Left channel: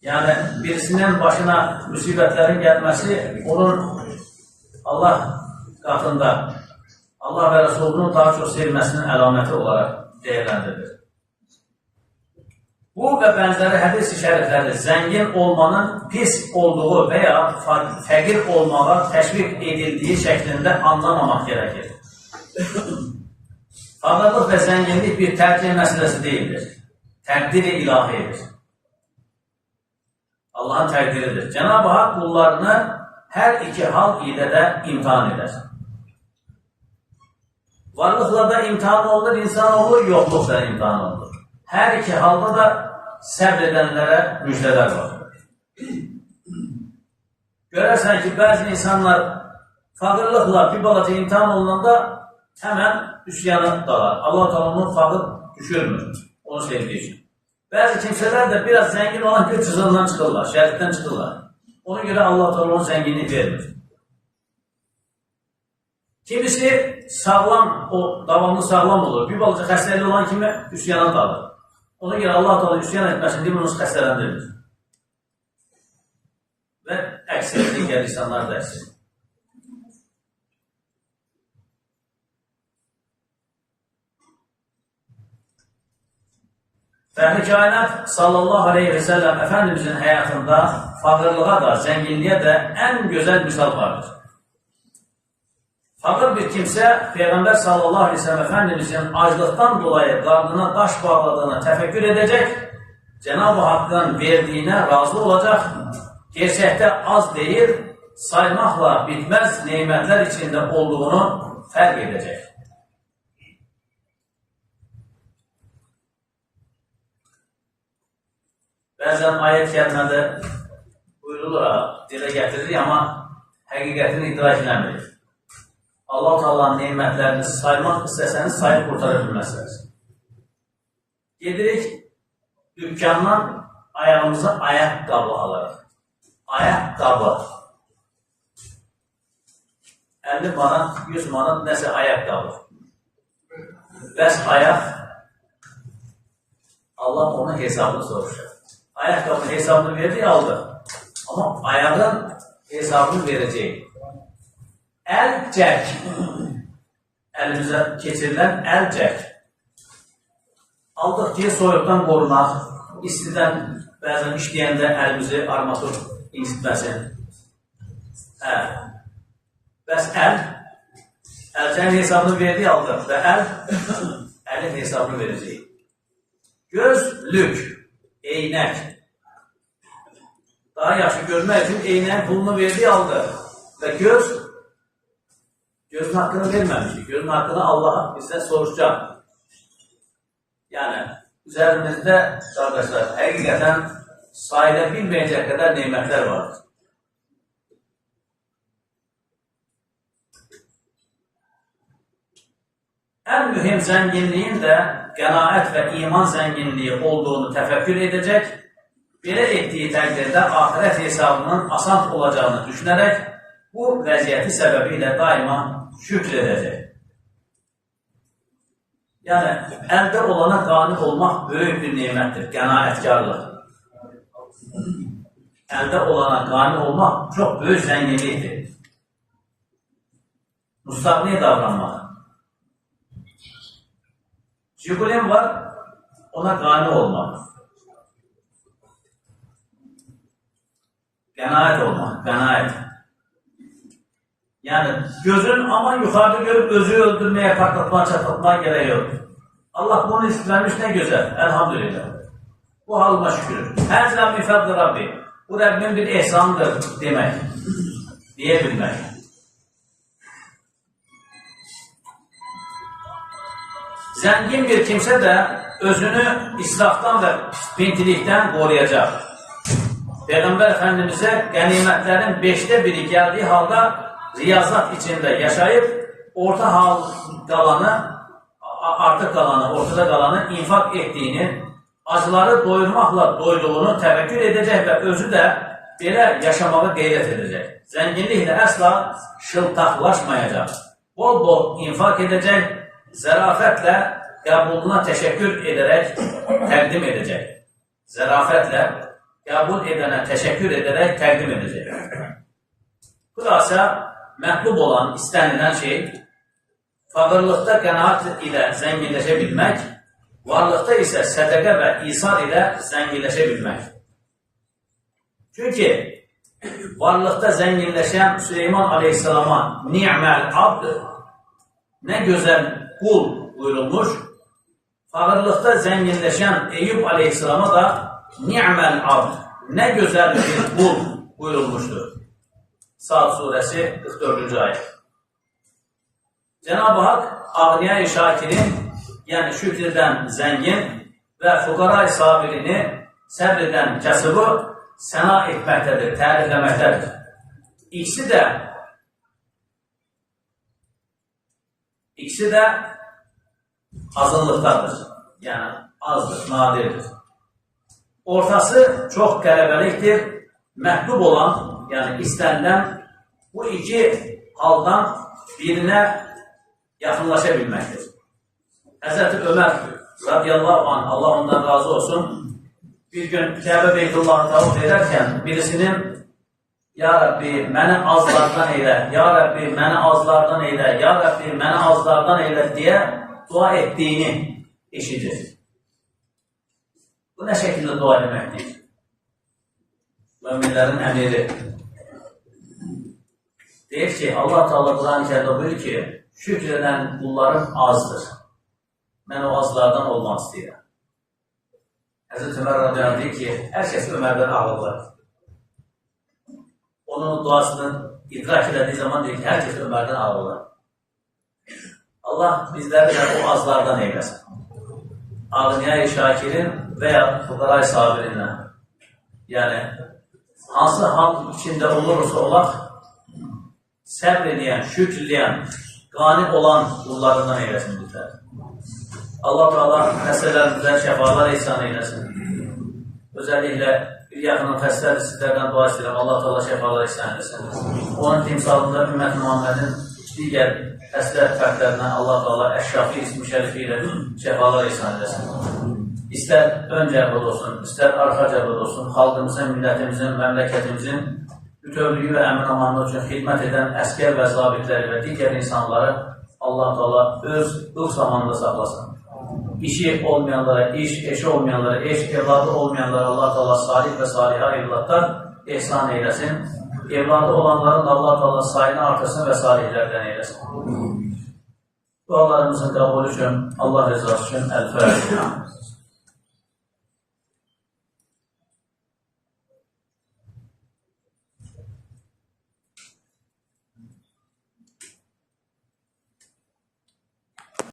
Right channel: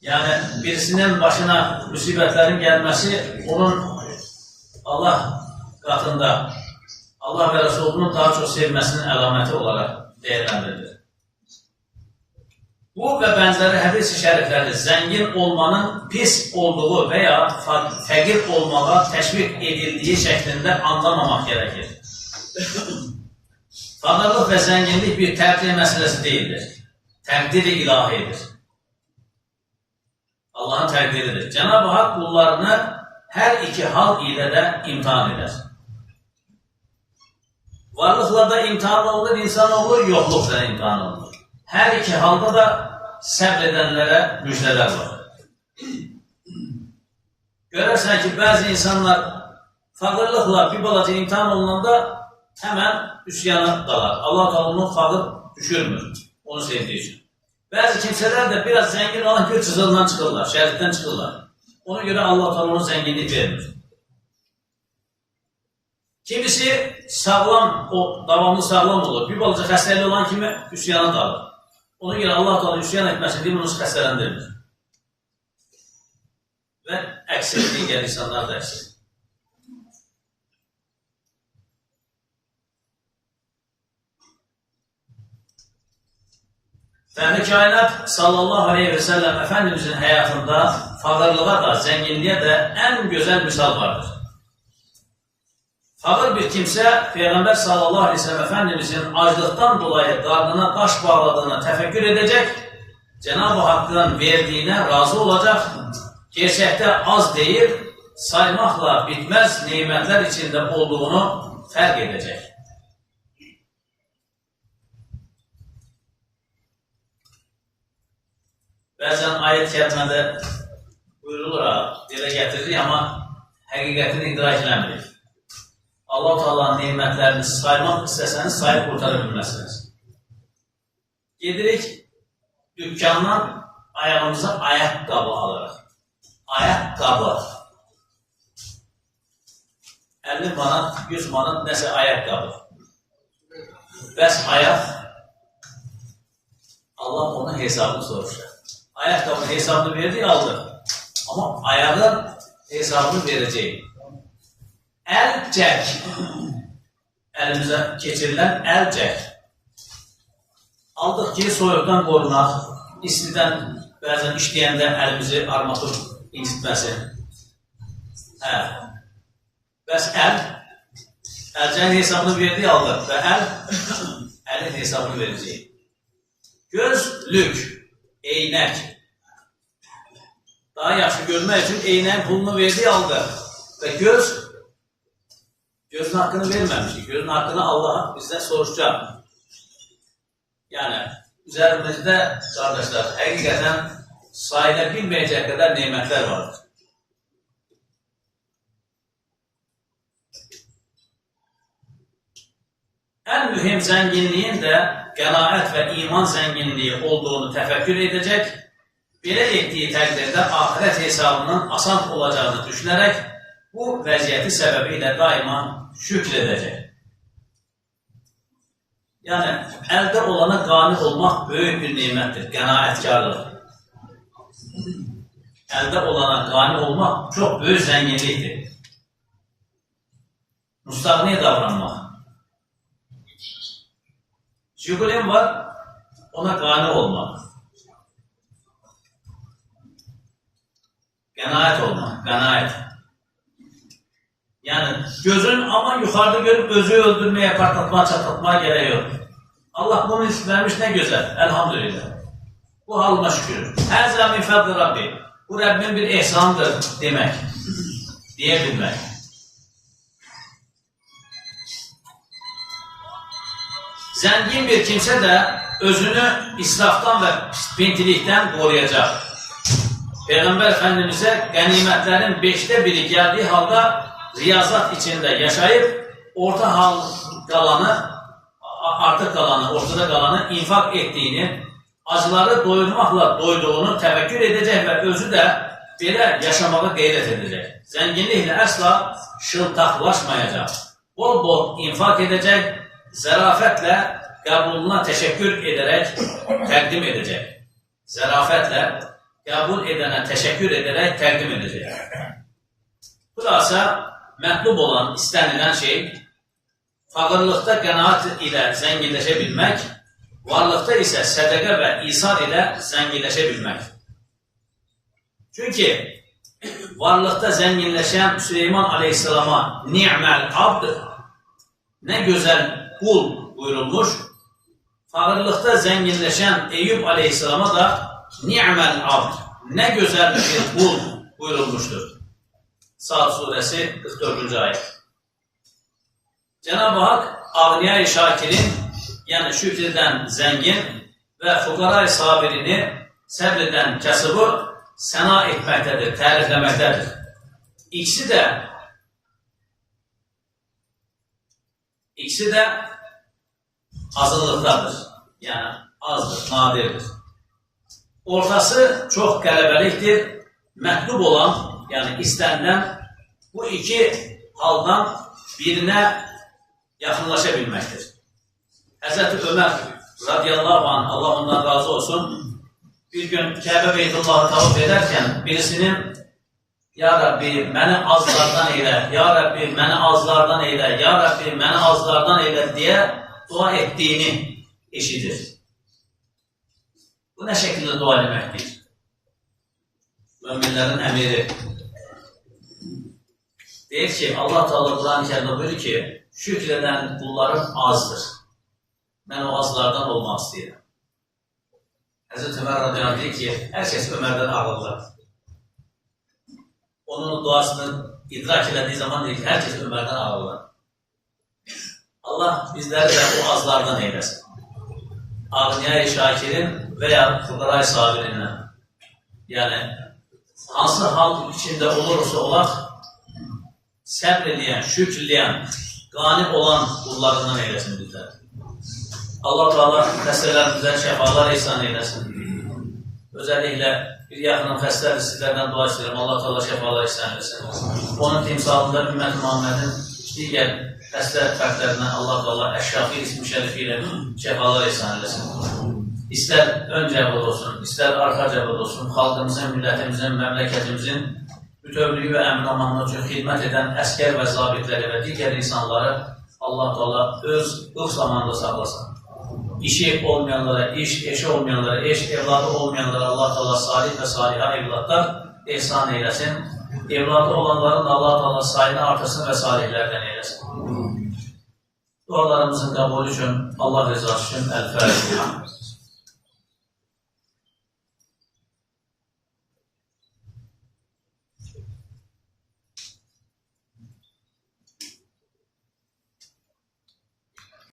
Yani birisinin başına müsibətlərin gəlməsi onun Allah qatında Allah və Resulunun daha çox sevməsinin əlaməti olaraq değerlendirilir. Bu və bənzəri hədis-i şərifləri zəngin olmanın pis olduğu veya fəqir olmağa təşviq edildiği şəklində anlamamaq gerekir. Fağırlıq və zənginlik bir təqdir məsələsi değildir. Təqdir-i ilahidir. Allah'ın təqdiridir. Cenab-ı Hak kullarını her iki hal ile de imtihan eder. Varlıkla da imtihan olur, insanoğlu yoklukla da imtihan olur. Her iki halda da səbredenlere müjdeler var. Görərsən ki, bazı insanlar fağırlıkla bir balaca imtihan olunanda hemen üsyanı dalar. Allah-u Teala onu fağır düşürmür, onu sevdiği için. Bazı kimseler de biraz zengin olan göç hızından çıkırlar, şeriften çıkırlar. Ona göre Allah-u Teala ona zenginlik vermir. Kimisi sağlam, o davamlı sağlam olur. Bir balaca xəstəli olan kimi üsyana dalır. Ona göre Allah-u Teala üsyan etməsin diye bunu xəstələndirir. Ve əksər digər insanlar da əksər. Fəhri kainat sallallahu aleyhi ve sellem Efendimizin hayatında fağırlığa da, zenginliğe de en güzel misal vardır. Fağır bir kimse Peygamber sallallahu aleyhi ve sellem Efendimizin acılıktan dolayı karnına taş bağladığını tefekkür edecek, Cenab-ı Hakk'ın verdiğine razı olacak, gerçekte az değil, saymakla bitmez nimetler içinde olduğunu fark edecek. Bəzən ayet kəlmədə buyurulur, dilə gətirir, amma həqiqətini idrak eləmirik. Allah-u Teala'nın nimətlərini saymaq istəsəniz, sayıb qurtara bilməzsiniz. Gedirik, dükkandan ayağımıza ayaqqabı alırıq. Ayaqqabı. 50 manat, 100 manat nəsə ayaqqabı. Bəs ayaq, Allah onun hesabını soruşur. Ayakkabının hesabını verdi, aldı. Ama ayağın hesabını vereceği. Elcek. Elimize geçirilen elcek. Aldık ki soyuqdan qorumaq, istidən bəzən işləyəndə elimizi armatur incitməsin. Bəs elcəyin hesabını verdi, aldı və elin hesabını verəcək. Gözlük. Eynək. Daha yaxşı görmək üçün eynəyin pulunu verdi, aldı. Və gözün haqqını verməmişdik. Gözün haqqını Allah bizdən soruşacaq. Yəni, üzərimizdə, qardaşlar, həqiqətən sayıla bilməyəcək qədər nemətlər vardır. En mühim zenginliğin de qənaət və iman zenginliği olduğunu təfəkkür edecek, belə etdiyi təqdirdə ahirət hesabının asan olacağını düşünərək, bu vəziyyəti səbəbiyle daima şükr edəcək. Yani əldə olana qani olmaq böyük bir nemətdir, qənaətkarlıq. Əldə olana qani olmaq çox böyük zenginlikdir. Müstəqniyə davranmaq. Jigulim var, ona qani olmaq. Qənaət olmaq, qənaət. Yani gözün ama yukarıda görüp özü öldürmeye, partlatmaya, çatlatmaya gerek yok. Allah bunu vermiş, ne güzel, elhamdülillah. Bu halıma şükür. Her zaman fadlı Rabbi. Bu Rabbimin bir ihsanıdır demek, diyebilmek. Zengin bir kimse de özünü israftan ve pintilikten koruyacak. Peygamber Efendimiz'e ganimetlerin 5'te biri geldiği halde riyazat içinde yaşayıp orta hal kalanı, artık kalanı, ortada kalanı infak ettiğini, acıları doyurmakla doyduğunu tefekkür edecek ve özü de belə yaşamağı gayret edecek. Zenginlikle asla şıltaklaşmayacak. Bol bol infak edecek, zarafetle kabuluna teşekkür ederek takdim edecek. Zarafetle qəbul edənə təşəkkür edərək təqdim edəcək. Xülasə, mətlub olan, istənilən şey, fağırlıqda qənaət ilə zənginləşə bilmək, varlıqda isə sədəqə və isar ilə zənginləşə bilmək. Çünki varlıqda zənginləşən Süleyman Aleyhisselama ni'məl abd, nə gözəl qul buyurulmuş, fağırlıqda zənginləşən Eyüp Aleyhisselama da ni'məl abd, nə gözəl bir qul buyurulmuşdur. Sad surəsi 44-cü ayət. Cenab-ı Hak Ağniyay-ı Şakirin, yəni şükr edən zəngin və fuqaray sabirini səbr edən kasıbı səna etməkdədir, tərifləməkdədir. İkisi də azınlıqdadır, yəni azdır, nadirdir. Ortası çox qələbəlikdir, məhlub olan, yəni istənilən bu iki haldan birinə yaxınlaşa bilməkdir. Həzrəti Ömər radiyallahu anh, Allah ondan razı olsun, bir gün Kəbə Beytullahı tavaf edərkən birisinin Ya Rabbi, məni azlardan eylə, Ya Rabbi, məni azlardan eylə, Ya Rabbi, məni azlardan eylə deyə dua etdiyini eşidir. Bu nə şəkildə dua deməkdir? Möminlərin əmiri deyir ki, Allah Teala Quran-ı Kərimdə buyurur ki, şükr edən qullarım azdır. Mən o azlardan olmaq istəyirəm. Həzrət Ömər radiyallahu deyir ki, hər kəs Ömərdən ağılır. Onun duasını idrak elədiyi zaman deyir ki, hər kəs Ömərdən ağılır. Allah bizləri də o azlardan eyləsin. Ağniyay-ı Şakirin və ya fuqaray sabirindən. Yəni, hansı hal içində olursa olaq, səbr eləyən, şükrləyən, qani olan qullarından eyləsin bizlər. Allah Teala xəstələrimizə şəfalar ihsan eyləsin. Özəlliklə bir yaxının xəstədir, sizlərdən dua istəyirəm. Allah Teala şəfalar ihsan eyləsin. Onun timsalında Ümmət Muhammedin digər xəstə fərqlərinə Allah Teala Əşşafi ismi şərifi ilə şəfalar ihsan eyləsin. İstər ön cəbhəd olsun, istər arxa cəbhəd olsun, xalqımızın, millətimizin, məmləkətimizin bütövlüyü və əmin-amanlığı üçün xidmət edən əskər və zabitləri və digər insanları Allah Teala öz ılıq zamanında saxlasın. İşi olmayanlara iş, eşi olmayanlara eş, evladı olmayanlara Allah Teala salih və salihə evladlar ihsan eyləsin. Evladı olanların Allah Teala sayını artırsın və salihlərdən eyləsin. Dualarımızın qəbulü üçün Allah rızası üçün Əl-Fatiha.